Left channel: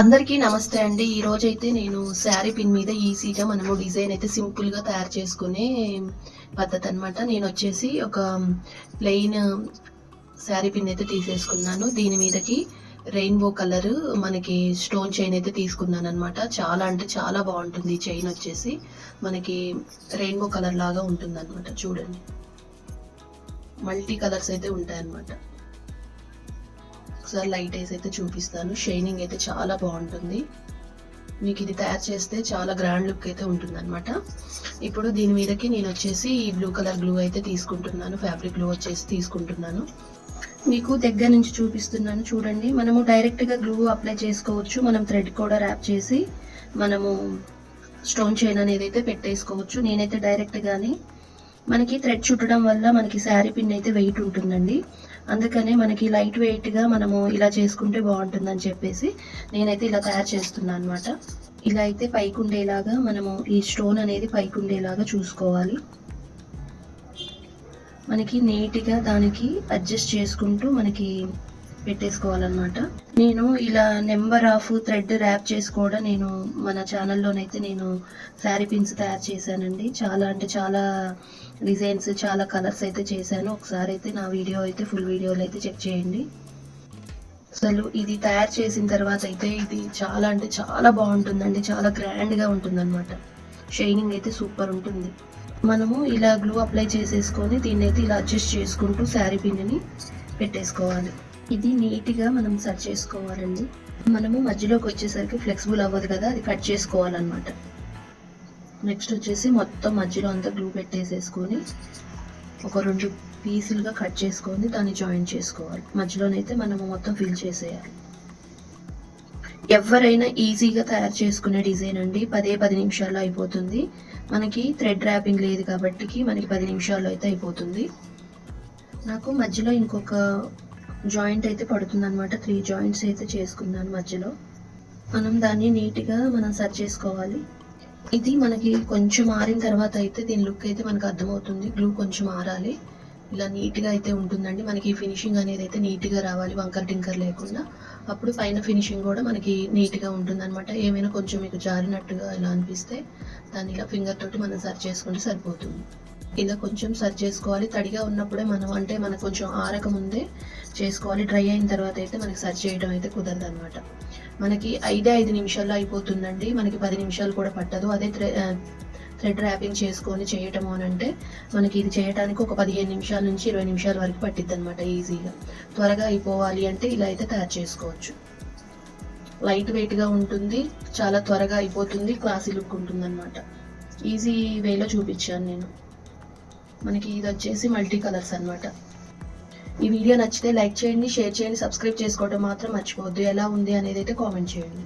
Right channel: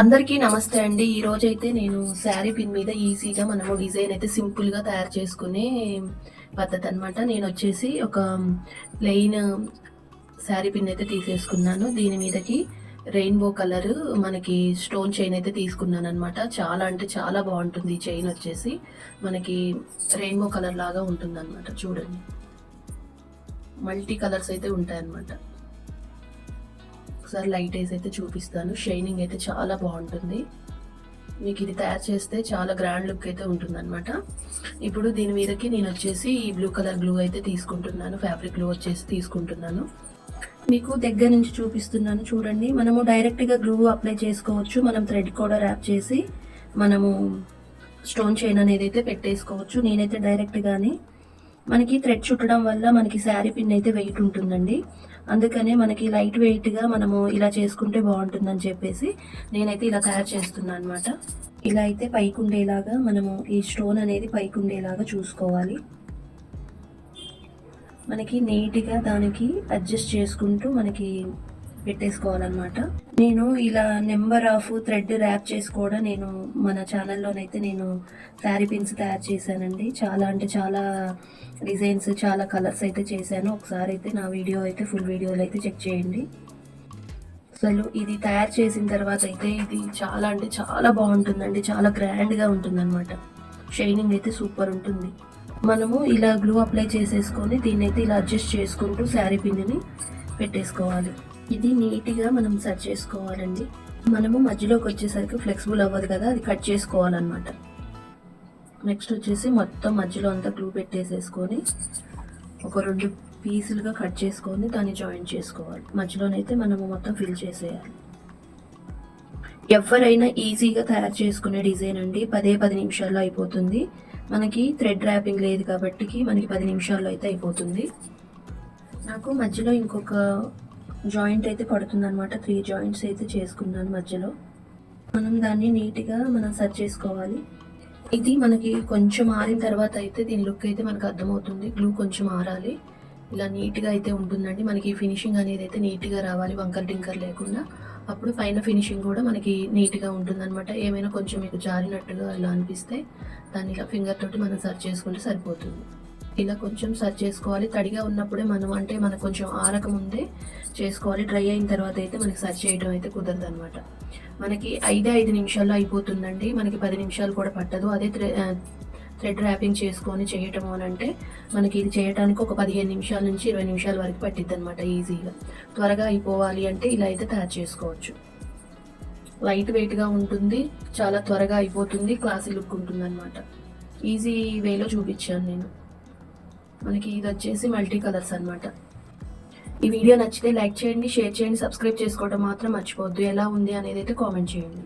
అందరికీ నమస్తే అండి. ఈ రోజు అయితే నేను శారీ పిన్ మీద ఈజీగా మనము డిజైన్ అయితే సింపుల్గా తయారు చేసుకునే పద్ధతి అనమాట నేను వచ్చేసి ఒక ప్లెయిన్ శారీ పిన్ అయితే తీసేసుకున్నాను. దీని మీదకి రెయిన్బో కలర్ మనకి స్టోన్ చైన్ అయితే తీసుకున్నాను అనమాట చాలా అంటే చాలా బాగుంటుంది చైన్ వచ్చేసి. మనకి రెయిన్బో కలర్ లాగా ఉంటుంది అనమాట చూడండి. మల్టీ కలర్స్ అయితే ఉంటాయి అనమాట ఒకసారి లైట్ వేసి అయితే చూపిస్తాను. షైనింగ్ అయితే చాలా బాగుంటుంది. మీకు ఇది తయారు చేస్తే చాలా గ్రాండ్ లుక్ అయితే ఉంటుంది అనమాట ఇప్పుడు దీని మీదకి నేను వచ్చేసి ఈ బ్లూ కలర్ గ్లూ అయితే తీసుకుంటున్నాను. ఫ్యాబ్రిక్ గ్లూ వచ్చేసి తీసుకుంటున్నాను. మీకు దగ్గర నుంచి చూపిస్తున్నాను. చూడండి మనము డైరెక్ట్గా గ్లూ అప్లై చేసుకోవచ్చు. మనం థ్రెడ్ కూడా ర్యాప్ చేసి మనము స్టోన్ చైన్ అనేది అయితే పెట్టేసుకోవచ్చు. నేనైతే డైరెక్ట్గానే మనకి థ్రెడ్ చుట్టడం వల్ల మనకి శారీ పిన్ అయితే వెయిట్ ఉంటుందండి. అందుకనే మనకి లైట్ వెయిట్గా మనము ఇలా చేసుకుంటే బాగుంటుందని చెప్పేసి నేనైతే ఇలా తయారు చేస్తున్నాను అనమాట ఇలా అయితే పైకి ఉండేలాగా మనము ఈ స్టోన్ అనేది పైకి ఉండేలాగా చూసుకోవాలి. మనకి నీట్గా దానికి అడ్జస్ట్ చేసుకుంటూ మనకి పెట్టేసుకోవాలన్నమాట. నేను ఇలా నెంబర్ ఆఫ్ థ్రెడ్ ర్యాప్ చేసి కూడా నేను మన ఛానల్లోనైతే నేను శారీ పిన్స్ తయారు చేశానండి. చాలా అంటే చాలా డిజైన్స్ చాలా కలర్స్ అయితే చేశాను. ఒకసారి అయితే నా వీడియో అయితే ఫుల్ వీడియోలు అయితే చెక్ చేయండి. అసలు ఇది తయారు చేసిన తర్వాత అయితే ఇది చాలా అంటే చాలా బాగుంటుందండి. చాలా గ్రాండ్గా ఉంటుంది అనమాట షైనింగ్ అయితే సూపర్ ఉంటుంది. మనము ఇలా గ్లూ అప్లై చేసేసుకొని దీన్ని అయితే ఇలా అడ్జస్ట్ చేసుకుంటూ శారీ పిన్ని పెట్టేసుకోవాలి. ఇది నీట్గా మనం సెట్ చేసుకోవాలండి. మనము మధ్యలోకి వచ్చేసరికి ఫ్లెక్సిబుల్ అవ్వదు కదా అది కట్ చేసుకోవాలన్నమాట. నెక్స్ట్ వచ్చేసి మొత్తం మధ్యలో అంతా గ్లూ పెట్టేసేసుకొని ఒక రెండు పీసులుగా కట్ చేసుకొని దాన్ని జాయిన్ చేసుకోవాలి. మధ్యలోనైతే మనము మొత్తం ఫిల్ చేసేయాలి. ఎవరైనా ఈజీగా తయారు చేసుకునే డిజైన్ అండి. పదే పది నిమిషాల్లో అయిపోతుంది. మనకి థ్రెడ్ ర్యాపింగ్ లేదు కాబట్టి మనకి పది నిమిషాల్లో అయితే అయిపోతుంది. నాకు మధ్యలో ఇంకొక జాయింట్ అయితే పడుతుంది అనమాట త్రీ జాయింట్స్ అయితే చేసుకున్నాను మధ్యలో. మనం దాన్ని నీట్గా మనం సెట్ చేసుకోవాలి. ఇది మనకి కొంచెం ఆరిన తర్వాత అయితే దీని లుక్ అయితే మనకు అర్థమవుతుంది. గ్లూ కొంచెం ఆరాలి. ఇలా నీట్గా అయితే ఉంటుందండి. మనకి ఫినిషింగ్ అనేది అయితే నీట్గా రావాలి. వంకర్ టింకర్ లేకుండా. అప్పుడు పైన ఫినిషింగ్ కూడా మనకి నీట్గా ఉంటుందన్నమాట. ఏమైనా కొంచెం మీకు జారినట్టుగా ఇలా అనిపిస్తే దాన్ని ఇలా ఫింగర్ తోటి మనం సర్చ్ చేసుకుంటే సరిపోతుంది. ఇలా కొంచెం సర్వ్ చేసుకోవాలి. తడిగా ఉన్నప్పుడే మనం అంటే మనకు కొంచెం ఆరక ముందే చేసుకోవాలి. డ్రై అయిన తర్వాత అయితే మనకి సర్చ్ చేయడం అయితే కుదరదు అనమాట మనకి ఐదే ఐదు నిమిషాల్లో అయిపోతుందండి. మనకి పది నిమిషాలు కూడా పట్టదు. అదే థ్రెడ్ ర్యాపింగ్ చేసుకొని చేయటం అని అంటే మనకి ఇది చేయడానికి ఒక పదిహేను నిమిషాల నుంచి ఇరవై నిమిషాల వరకు పట్టిద్ది అనమాట ఈజీగా. త్వరగా అయిపోవాలి అంటే ఇలా అయితే తయారు చేసుకోవచ్చు. లైట్ వెయిట్గా ఉంటుంది. చాలా త్వరగా అయిపోతుంది. క్లాసీ లుక్ ఉంటుంది అనమాట ఈజీ వేలో చూపించాను నేను. మనకి ఇది వచ్చేసి మల్టీ కలర్స్ అనమాట ఈ వీడియో నచ్చితే లైక్ చేయండి షేర్ చేయండి సబ్స్క్రైబ్ చేసుకోవడం మాత్రం మర్చిపోవద్దు. ఎలా ఉంది అనేది అయితే కామెంట్ చేయండి.